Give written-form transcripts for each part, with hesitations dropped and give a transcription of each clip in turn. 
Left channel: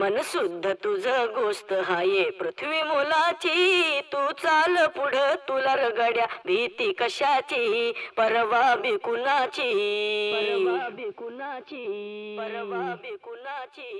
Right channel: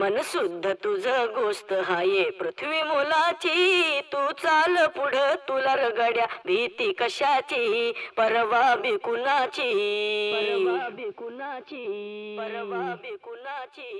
मन शुद्ध तुझ गोष्ट हाये पृथ्वी मुलाची, तू चाल पुढं तुला रगड्या भीती कशाची, परवा बी कुणाची, परवा बी कुणाची, परवा बी कुणाची.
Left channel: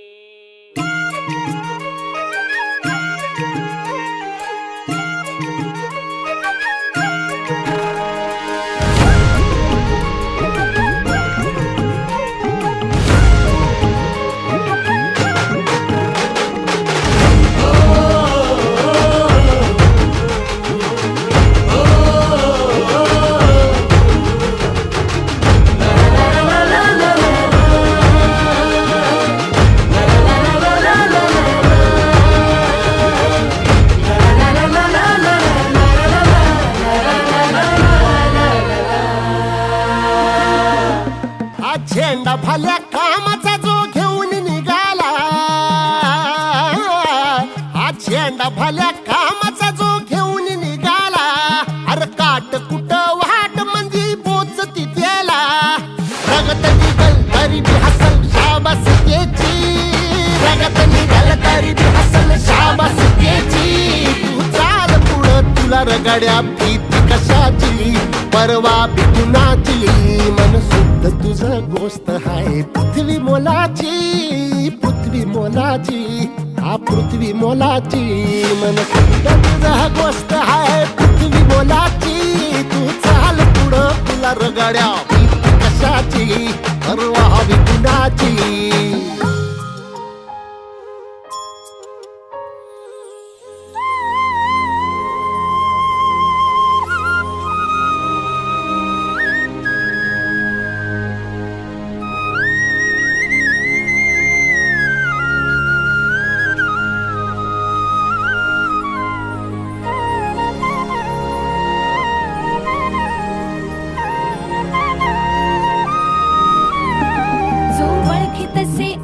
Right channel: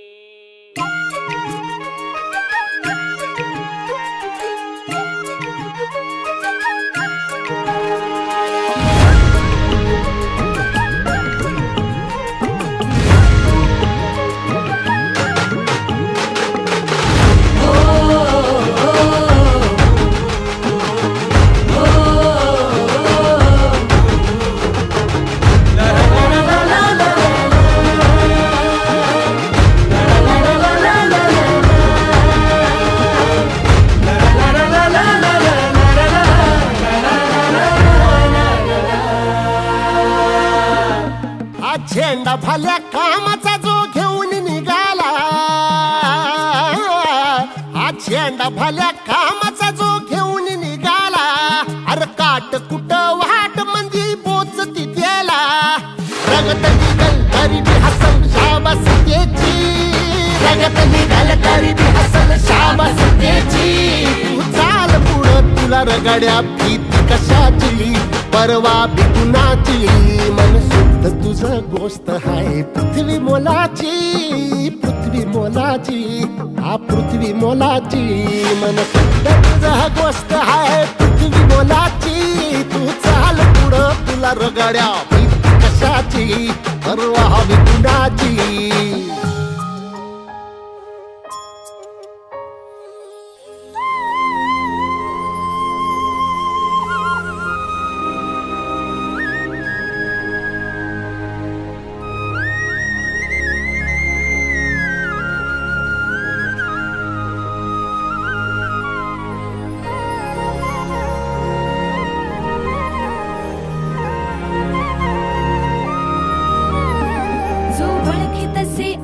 झेंडा भल्या कामाचा जो घेऊन निघाला, हा झेंडा भल्या कामाचा जो घेऊन निघाला, अरे काट कुट वाट मंदी बोचती त्याला, रगत निघल तरी बी हसल शाबास त्याची, रगत निघल तरी बी हसल शाबास त्याची. तू चाल पुढं तुला रगड्या भीती कशाची, परवा बी कुणाची. मन शुद्ध तुझं गोष्ट हाय पृथ्वी मोलाची, पृथ्वी मोलाची, हा पृथ्वी मोलाची. मन शुद्ध तुझं गोष्ट हाय पृथ्वी मोलाची. तू चाल पुढं तुला रगड्या भीती कशाची, परवा बी कुणाची.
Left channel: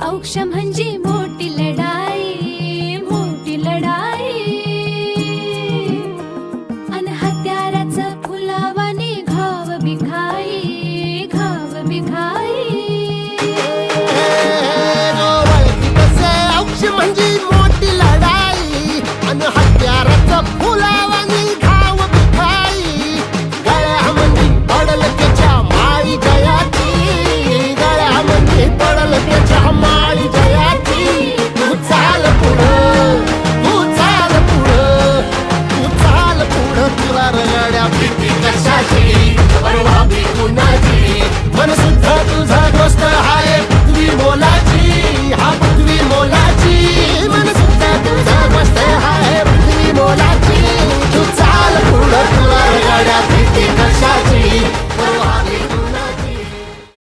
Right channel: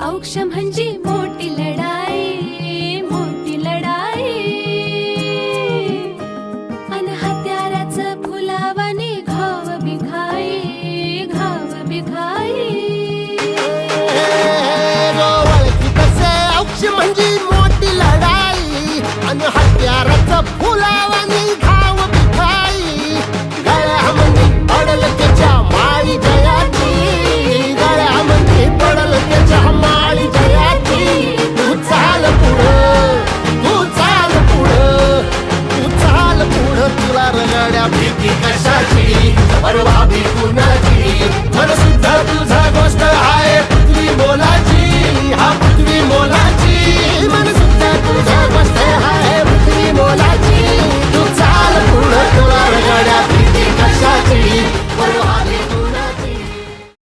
औक्ष म्हणजे मोठी लढाई, मोठी लढाई. अन हत्याराचं फुलावाने घाव बिघाई, घाव बिघाई. ओळखी कसे औक्ष म्हणजे मोठी लढाई, अन हत्याराचं फुलावाने घाव बिघाई. गळ्यामध्ये पडल त्याच्या माळी जयाची, गळ्यामध्ये पडल त्याच्या माळी जयाची. तू चाल पुढं, तू चाल पुढं, तू चाल पुढं तुला रगड्या भीती कशाची, परवा बी कुणाची. मन सुद्धा तुझा गोष्ट हाय पृथ्वी मोलाची, हा पृथ्वी मोलाची. मन सुद्धा तुझा गोष्ट हाय पृथ्वी मोलाची. तू चाल पुढं तुला रगड्या भीती कशाची, परवा बी